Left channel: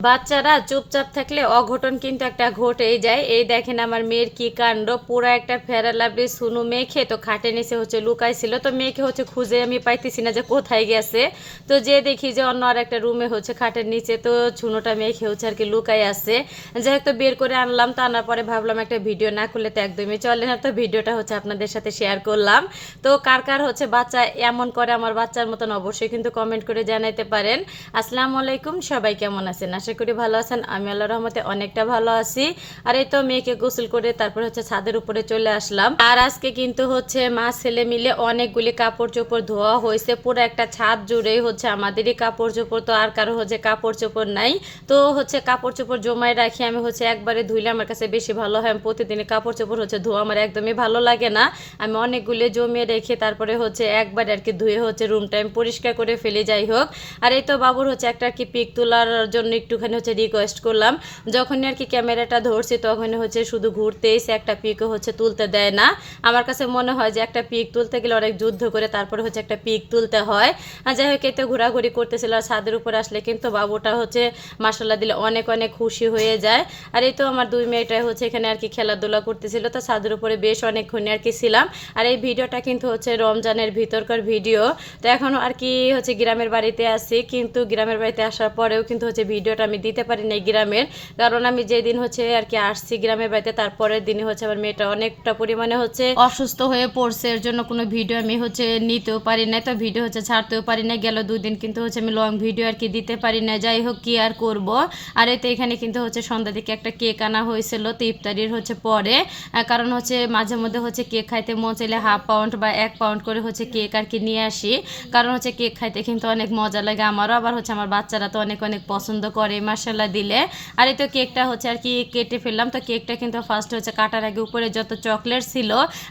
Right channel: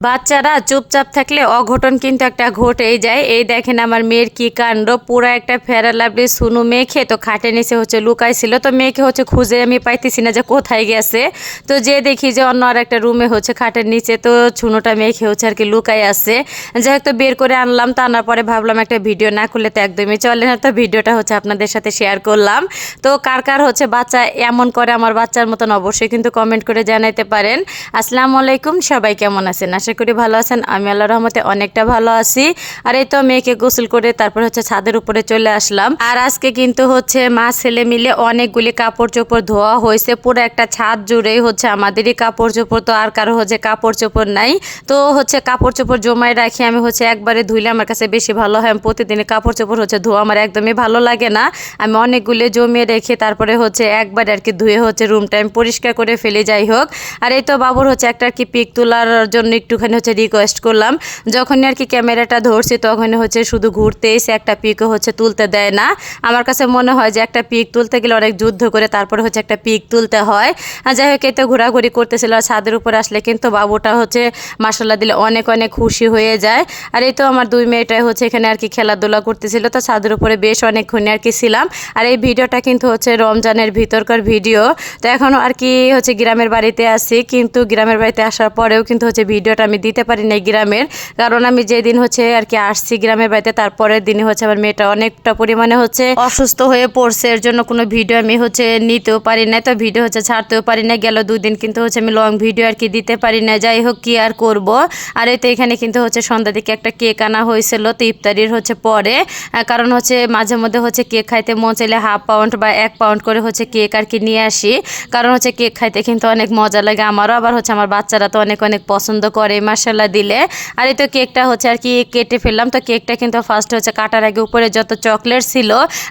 বাচ্চারা চুপচাপ থাকলে অঘটন কিন্তু একটা ঘটেই যায়। এই দেখেন আমার মেয়ের কি কাণ্ড, পুরা একটা ফেয়ার লাভলি সুনু মেখে তো খাটে নিচে লুকাইছিল। তো মেয়েকে খুঁজে আমি পাইতেছি না যে কোথায় গেছে। তো যে দেখি যে অন্য আর একটা রুমে খাটের নিচে তো ছুনুটা মেখে আর কি লুকাই আছে। যাই হোক, তো বের করে আনলাম। তো আনার পরে ভাবলাম একটা ভিডিও না করলে তো একদমই চলে না, তো ভিডিওটা আপনাদের সাথে শেয়ার করলাম। তো কার কার বাচ্চা এমন করে আমার বাচ্চার মতন অবশ্যই কিন্তু কমেন্ট করে জানাইতে পারেন। আসসালামু আলাইকুম, সবাই কেমন আছেন? আশা করি ভালো আছেন। আমি আল্লাহর রহমতে অনেকটা ভালো আছি। আর এই তো মেয়েকে গোসল করে তারপর ছাদের উপরে চলে আসলাম। আর আজকে কিন্তু মা ছেলে মিলে অনেকগুলি কাপড় চোপড় ধোয়া হয়েছে। পুরো একটা ছাদ জুড়েই আমাদেরই কাপড় চোপড়, তো আর কারো কাপড় চোপড় নাই। তো কাপড় চোপড় জমায় রাখি আমি একবারে ধুইলে আমার কাছে বেশি ভালো হয়। আমি প্রতিদিন কাপড় চোপড় ধোয়া আমার একদমই ভালো লাগে না। আমি অনেকগুলি জমিয়ে রেখে তারপরে একবারে আর কি ধুয়ে রুমটা আমি পরিষ্কার করে ফেলে। যাই হোক, আর এই তো বাবুর একটা আর কি পিক তোলার জন্য একটুখানি রিকোয়েস্ট করলাম। যখনই আর কি ক্যামেরাটা ধরছি তখন শুধু ঘুরতেই সে একটা পিকও তুলতে দেয় না। আমার কাছে মনে হয় যে একটা পিক তুলতে গেলে অনেক যুদ্ধ করে তারপরে একটা পিক তুলতে হয়। আর যাই হোক, এই তো ঘোরাঘুরি করতেছিল। আর ছাদের উপরে আসলে কিন্তু বাবুটা মাসাল্লাহ দিলে অনেক অনেক খুশি হয়ে যায়। আর এই তো আমার দুই মেয়েটাই এখানে আর কি খেলাধুলা করতেছিল। তো ছাদের উপরে বেশ অনেকক্ষণ আর কি ছিলাম। আর এই ভিডিওটা কিন্তু রমজানের ভিতরকার ভিডিও। তো এখনও আর কি গ্রামের বাড়িতে আছি, কিন্তু গ্রামের বাড়িতে আসার পরেও কিন্তু ভিডিওটা আমি দিতে পারি নাই গ্রামের। কারণ আমি যেদিন আর কি আসছি গ্রামের বাড়িতে তারপরের দিনই আমার মেয়েটা অনেকটা পরিমাণে অসুস্থ হয়ে পড়ছে। এর জন্য কোনো ভিডিও আমি নিতেও পারি নাই, তো ভিডিও ছাড়তেও পারি না। গেল 2 দিন কিন্তু আমি লং ভিডিও আর কি দিতে পারি না। যাই হোক, কি আর করব। আর এই তো এখানে কিন্তু সন্ধ্যা দিকে একটা কেক আনা হয়েছিল, তো ইফতারির পরে। কারণ মাঝে মধ্যে কেক খাইতে মন চাইলে হাফ পাউন্ড বা 1 পাউন্ড করে কেক আর কি নিয়ে আসি। কারণ কেক খাইতে কিন্তু অনেক মজা লাগে আমারও, আবার আমার বাচ্চারা তো অনেক অনেক পছন্দ করে মাশাআল্লাহ দিলে। আর এই তো কেকটা আর কি কেটে ফেললাম। তো কেকটা কিন্তু ফার্স্ট কাটার আগে উপরে যত চকলেট ছিল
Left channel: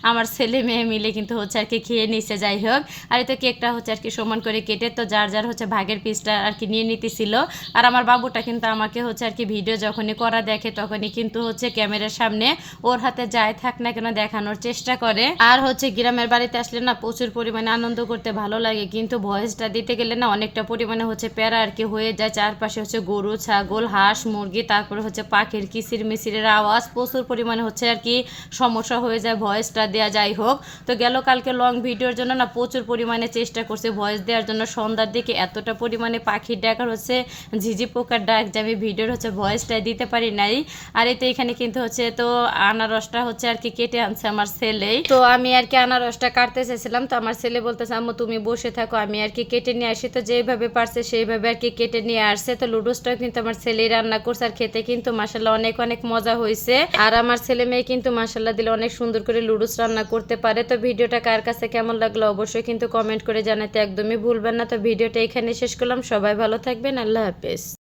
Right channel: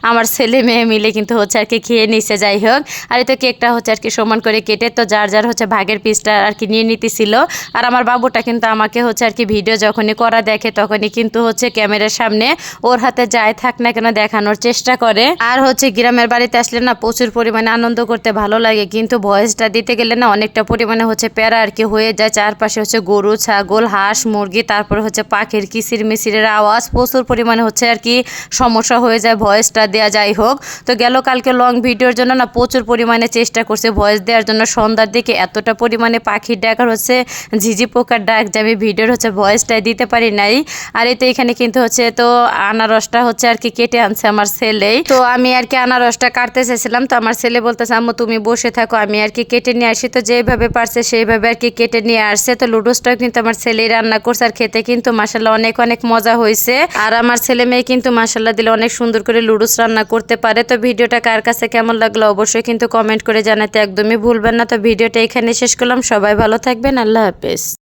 আমার ছেলে মেয়ে মিলে কিন্তু আর কি খেয়ে নিছে। যাই হোক, আর এই তো কেকটা আর কি সমান করে কেটে তো যার যার ভাগের পিসটা আর কি নিয়ে নিতেছিল। আর আমার বাবুটা কিন্তু আমাকে আর কি ভিডিও যখনই করা দেখে তখনই কিন্তু ক্যামেরার সামনে ওর হাতে যাই থাক না কেন দেখানোর চেষ্টা করে। আর গ্রামের বাড়িতে আসলে না প্রচুর পরিমাণে আনন্দ করতে ভালো লাগে, কিন্তু ভয়েসটা দিতে গেলে না অনেকটা পরিমাণে প্যারা আর কি হয়ে যায়। চারপাশে গরু ছাগল হাঁস মুরগি, তারপর পাখির কিচির মিচিরের আওয়াজ, প্রচুর পরিমাণে আর কি সমস্যা হয়ে যায় ভয়েসটা দেওয়া। যাই হোক, তো গেল কালকে লং ভিডিওর জন্য না প্রচুর পরিমাণে চেষ্টা করছে ভয়েস দেওয়ার জন্য। সন্ধ্যার দিকে এতটা পরিমাণে পাখির ডাক আর ঝিঝি পোকার ডাক যে আমি ভিডিওর ভয়েসটাই দিতে পারি নাই। আর এই তো এখানে কিন্তু তো আনারসটা আর কি কেটে আনছে আমার ছেলেই। তো আমি আর কি আনারসটা কাটতে চাইছিলাম, তো আমার ছেলে বলতেছে আম্মু তুমি বসে থাকো আমি আর কি কেটে নিয়ে আসি। তো যেভাবে পারছে সেইভাবে আর কি কেটে নিয়ে আসছে। তো লুডোসটাও কিন্তু আমার ছেলেই রান্না করছে, আর খেতে কিন্তু মাশাআল্লাহ অনেক অনেক মজা হয়েছে। আর আমার ছেলে মেয়ে কিন্তু মাশাআল্লাহ দিলে অনেক সুন্দর করে লুডোস রান্না করতে পারে। তো ভিডিওটা কার কাছে কেমন লাগলো অবশ্যই কিন্তু কমেন্ট করে জানাতে একদমই ভুলবেন না। তো ভিডিওটা এখানে শেষ করলাম, সবাই ভালো থাকবেন, আল্লাহ হাফেজ।